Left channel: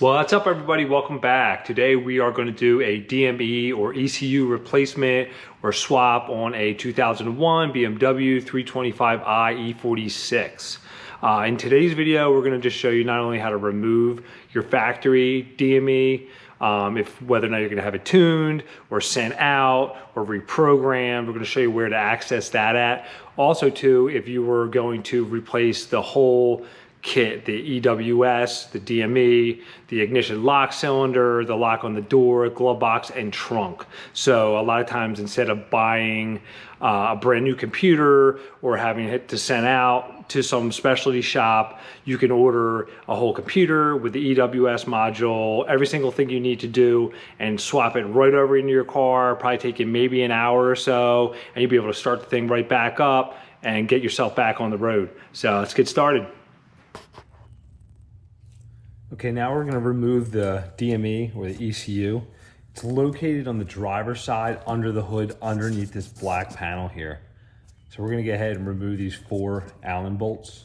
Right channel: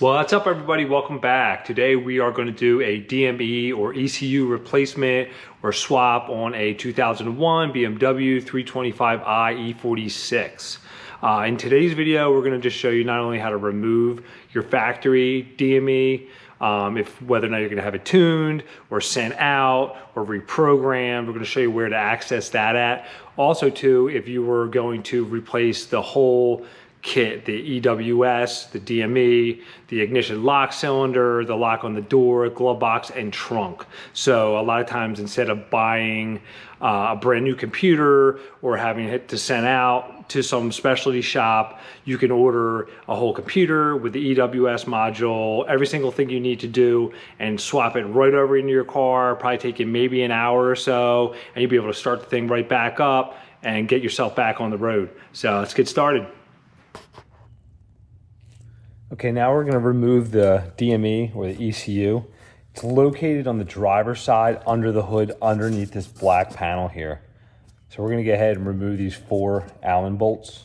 What's up, everybody? Welcome back. Today we are going to do a DME or ECU replacement or swap on a 2001 BMW 325i E46. In today's video, we're going to just show you not only how to remove your factory DME, whether or not you're going to have it tuned or sent out or reprogrammed. We're going to show you where to access that at. Also, too, if you were going to replace the whole kit, the EWS, the DME, the ignition lock cylinder, the lock on the door, glove box, and trunk. So a lot of times, instead of buying a brand new computer or having it to send out to some specialty shop, you can order a whole computer with the EWS module, every single thing you need to do, and swap it right over into your car. Probably take you maybe an hour or so, and you'll be able to start the thing right back up and get yourself back on the road. So let's get started. Okay, now we're going to remove the DME or the ECU. It's located on the driver's side under the hood underneath this black panel here. So we're going to go ahead and remove these 4 Allen bolts.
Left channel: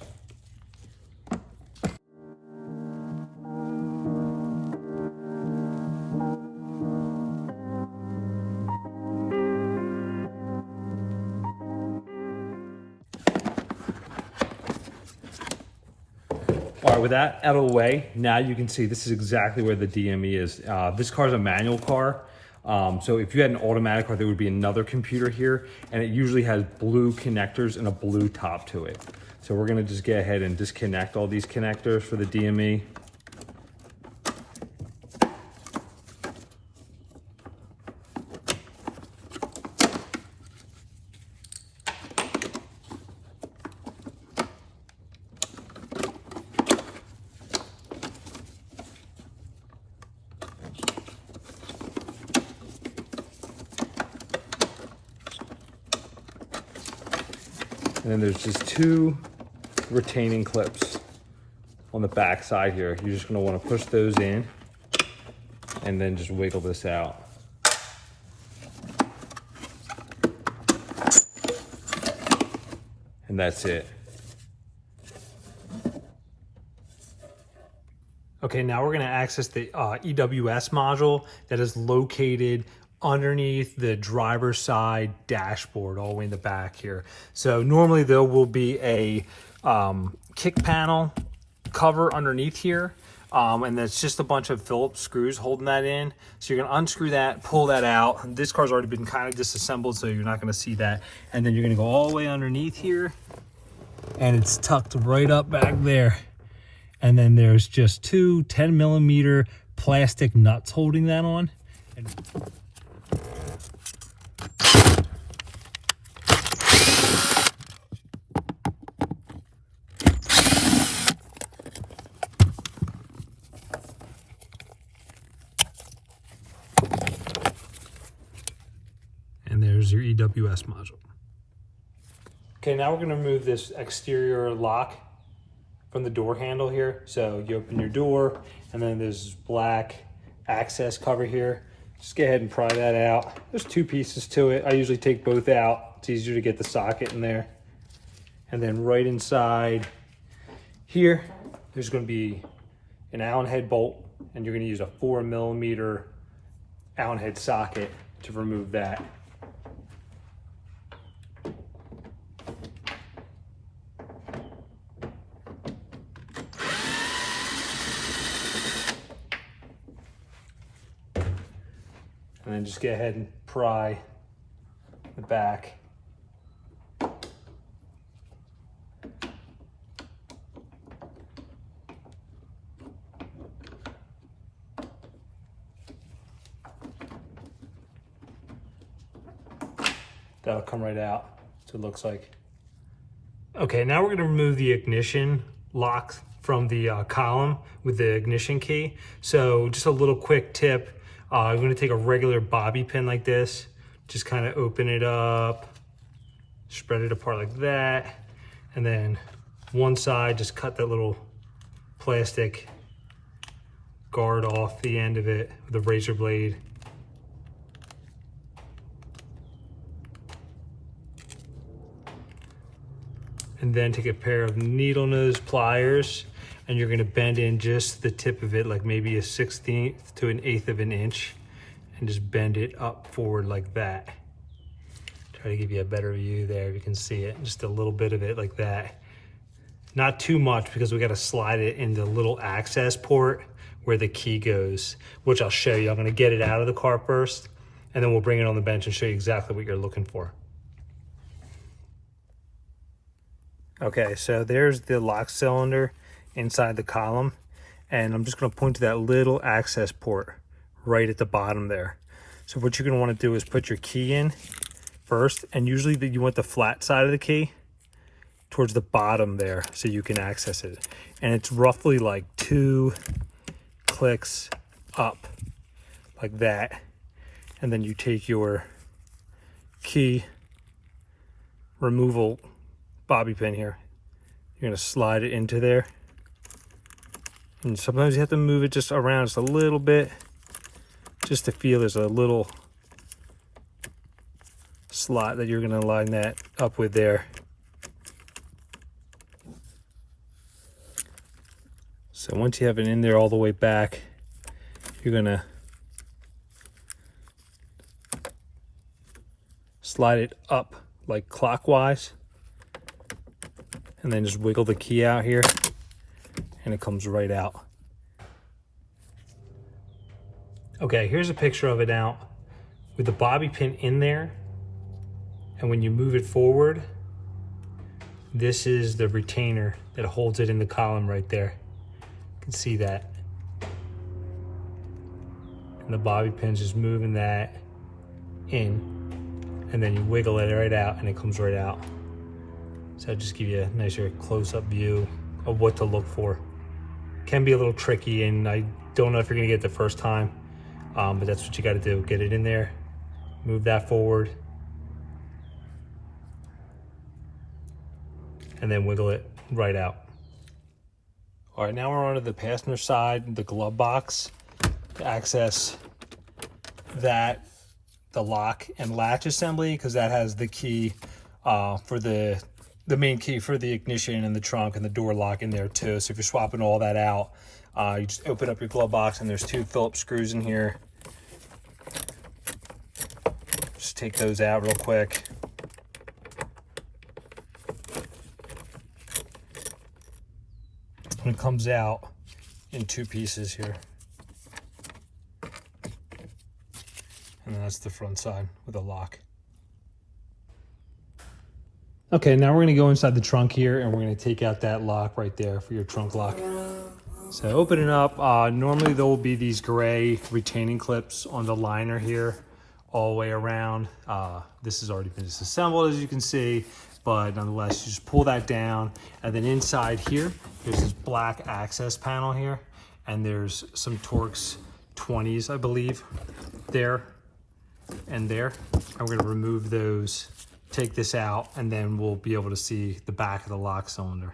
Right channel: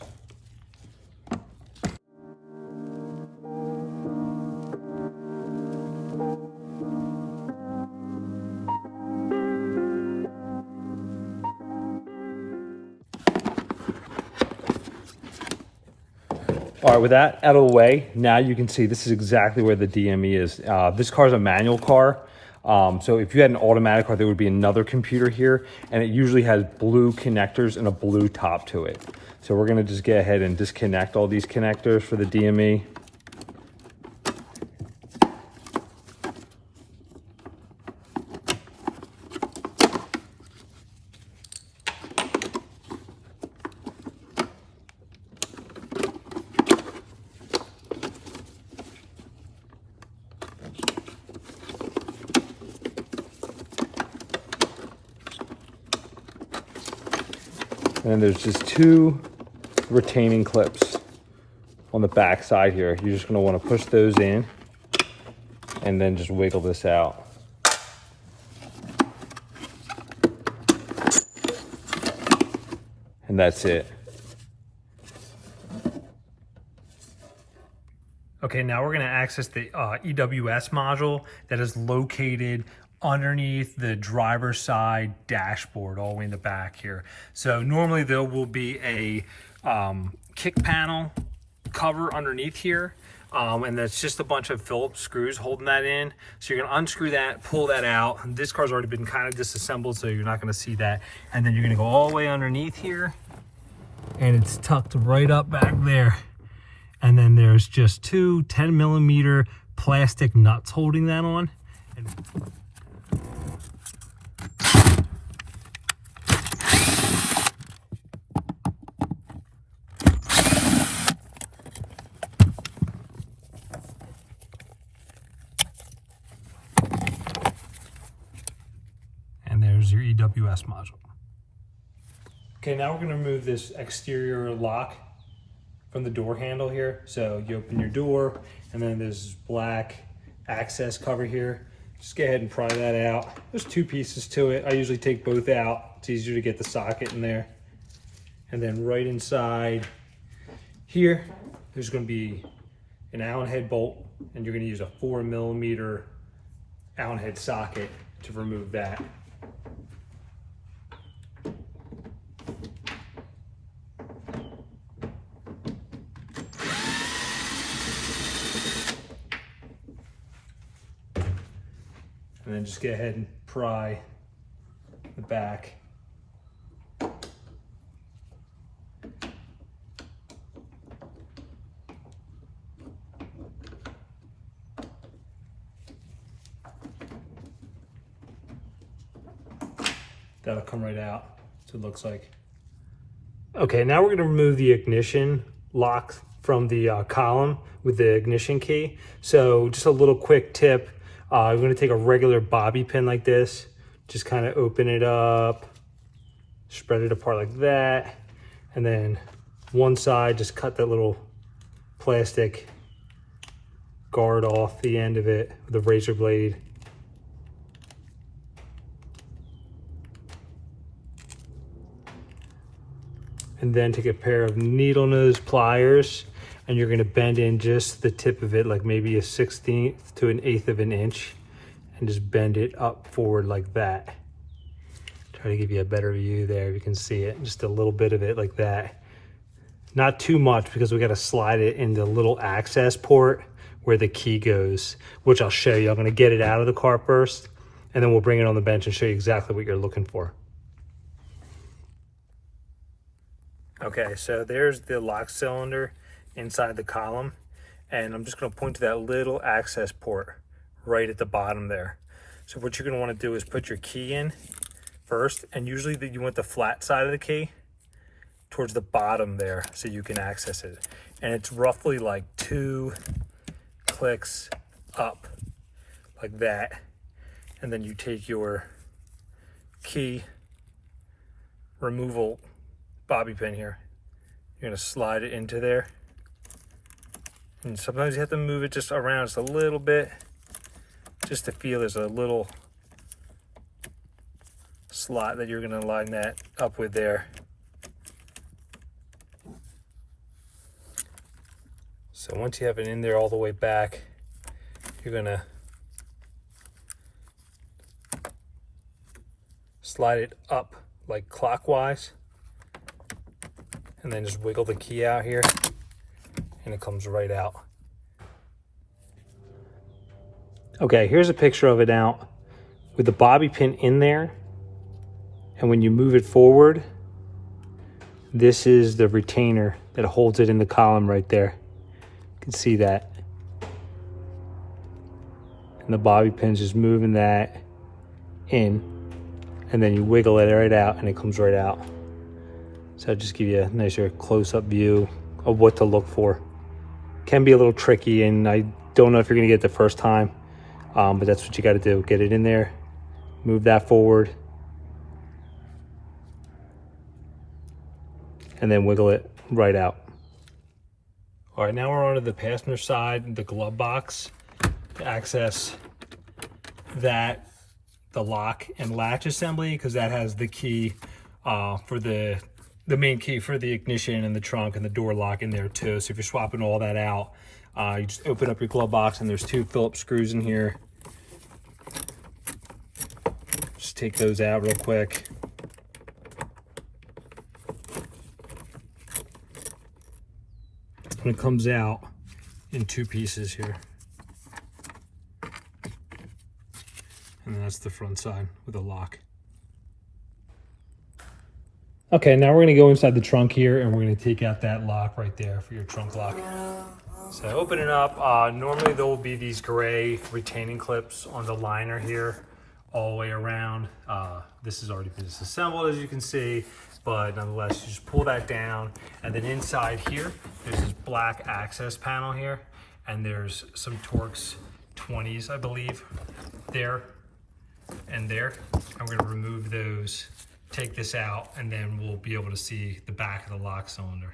All right, with that out of the way, now you can see this is exactly where the DME is. This car is a manual car. So if you had an automatic car, there would be another computer here, and it usually has blue connectors and a blue top to it. So we're gonna just get ahead and disconnect all these connectors for the DME. And there's just 2 retaining clips on the back side here. You're just gonna wanna push those in and then just wiggle this out. And that's it. Okay, now we're gonna access the EWS module that is located underneath the driver's side dashboard all the way in the back here. So normally there will be a kick panel cover underneath here, and that's just a bunch of Phillips screws holding that in. So you're gonna unscrew that, pull that out. This car's already been kind of disassembled, so you're not gonna see that. And then you're gonna go all the way underneath here, and it's tucked right up back there. And then there's just 2 10mm plastic nuts holding that on. And there's your EWS module. Okay, now we're gonna remove this exterior lock from the door handle here. So you open your door, and then there's this black access cover here. Just go ahead and pry that out. There's 2 pieces to it. I usually take both out. It's easier to get the socket in there. And then right inside here, there's gonna be an Allen head bolt, and you're gonna use a 4mm Allen head socket to remove that. And then just go ahead and pry the back. That'll come right out, so it looks like. Okay, now we're gonna remove the ignition lock from the column with the ignition key. So just a little quick tip. I'm gonna take a regular bobby pin like this, just kind of open it up, spread it apart like that, and then one side, just cut that little plastic guard off the end of it with a razor blade. And then take a pair of needle nose pliers and you're gonna bend in just the tip of it, like maybe a 1/16 to an 1/8 of an inch, and just bend it up forward like that. Try to give you a better view there, you can see it, just a little bit of it like that. Not too much, because we gotta slide it into the little access port where the key goes, which I'll show you. I'm gonna get it out of the car first, and then we'll bring it on the bench and show you exactly what you're looking for. Okay, so there's the lock cylinder inside the column, and I'm just going to point to that little access port right at the bottom there. So what you're going to want to do is put your key in first, and usually you want the flat side of the key towards the bottom there so you can access it. And it's roughly like 2 clicks up like that, and then you take your key removal bobby pin here, you're going to slide it into there, and sometimes you have to move it just around just a little bit just to feel there's a little slot that you're going to line that up with there. So once you have it in there all the way back, you're going to slide it up like clockwise, and then just wiggle the key out here, and it comes right out. Okay, here's a picture of it now with the bobby pin in there, and when you move it forward, this is the retainer that holds it in the column right there. You can see that. And the bobby pin's just moving that in, and then you wiggle it right out and it comes right out. So I'll just give you a nicer close-up view of what to look for. Can be a little tricky, and I don't know if you're gonna get it the first time, but that's what you gotta do. Get it in there, move that forward, and then wiggle it right out. All right, now we're onto the passenger side, the glove box, to access that, the lock and latch assembly, because that has the key for the main key for the ignition and the trunk and the door lock in there too. So if you're swapping all that out, you just open up your glove box, and there's 2 Phillips screws in here. Just take those out real quick. And it comes out in 2 pieces here. And that's the front side with a lock. Okay, now we're gonna go inside the trunk here, and we're gonna take out that lock right there for your trunk lock. So open it up. Normally there will be these gray retaining clips on the liner here all the way around. This has already been disassembled, as you can see, but nonetheless, you just pull that down, and then inside here, there's this black access panel here, and there's some Torx 20s, I believe, there and there. And we're gonna remove those, take this out, and then we'll be able to see the back of the lock cylinder.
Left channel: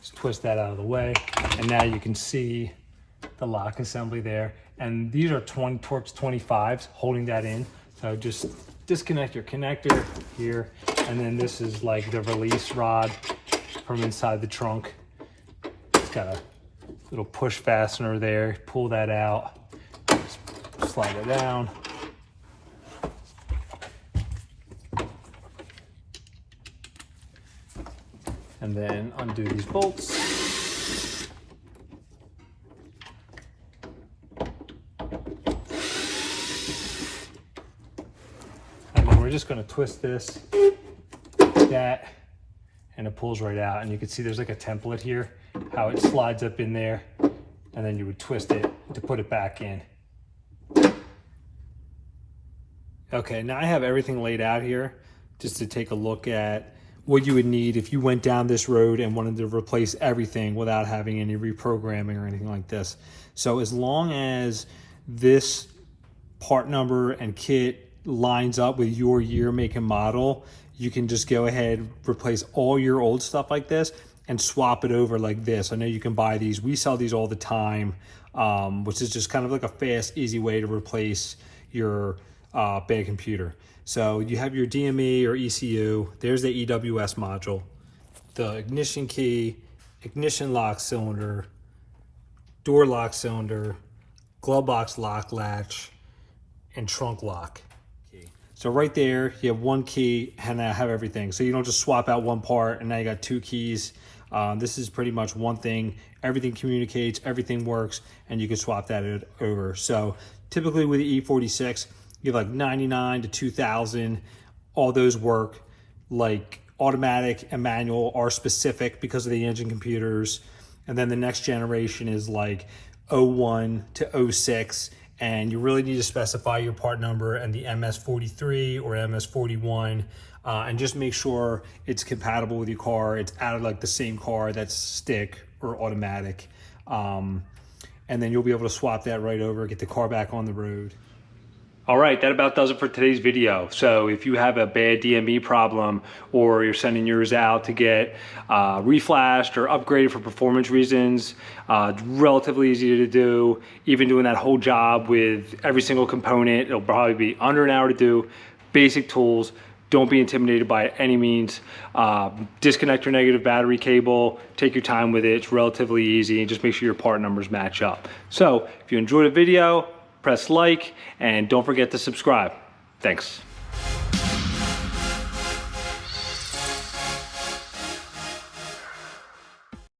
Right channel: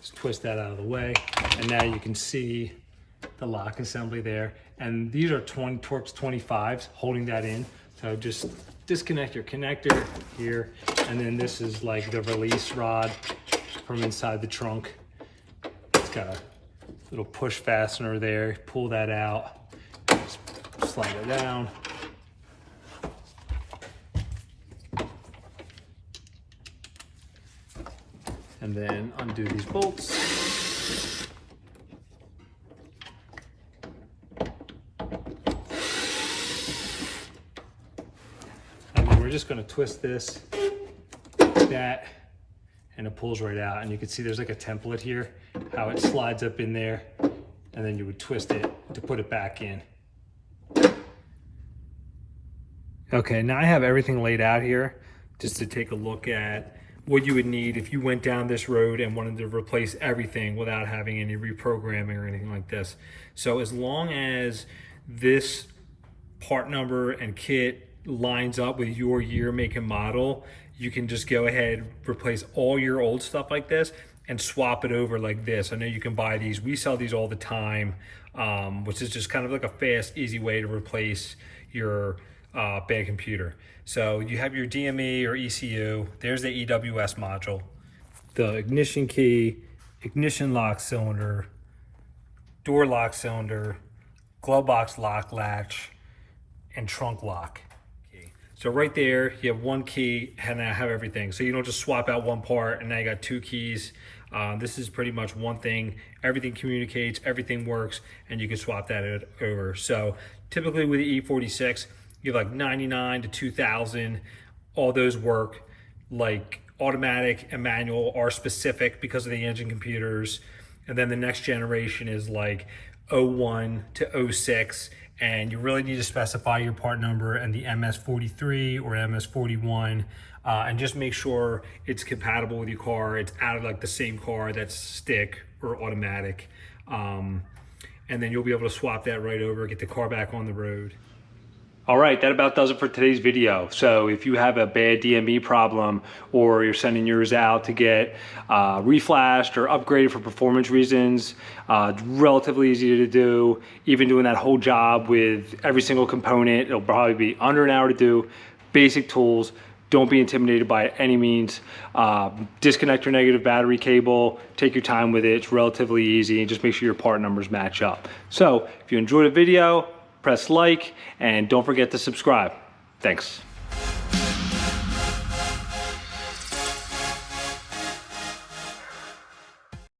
Just twist that out of the way, and now you can see the lock assembly there. And these are Torx 25s holding that in. So just disconnect your connector here, and then this is like the release rod from inside the trunk. It's got a little push fastener there. Pull that out, just slide it down. And then undo these bolts. We're just going to twist this like that, and it pulls right out. And you can see there's like a template here, how it slides up in there, and then you would twist it to put it back in. Okay, now I have everything laid out here just to take a look at what you would need if you went down this road and wanted to replace everything without having any reprogramming or anything like this. So as long as this part number and kit lines up with your year, make, and model, you can just go ahead, replace all your old stuff like this and swap it over like this. I know you can buy these. We sell these all the time, which is just kind of like a fast, easy way to replace your bad computer. So you have your DME or ECU. There's the EWS module, the ignition key, ignition lock cylinder, door lock cylinder, glove box lock latch, and trunk lock. So right there, you have one key and I have everything. So you don't just swap out one part and now you got two keys. This is pretty much one thing. Everything communicates, everything works, and you can swap that over. So typically with the E46, you have like 99 to 2000. All those work. Like automatic and manual are specific because of the engine computers. And then the next generation is like 01 to 06. And you really need to specify your part number and the MS43 or MS41, and just make sure it's compatible with your car. It's out of like the same car that's stick or automatic. And then you'll be able to swap that right over, get the car back on the road. All right, that about does it for today's video. So if you have a bad DME problem or you're sending yours out to get reflashed or upgraded for performance reasons, relatively easy to do. Even doing that whole job with every single component, it'll probably be under an hour to do. Basic tools. Don't be intimidated by it any means. Disconnect your negative battery cable. Take your time with it. It's relatively easy, and just make sure your part numbers match up. So if you enjoyed the video, press like, and don't forget to subscribe. Thanks.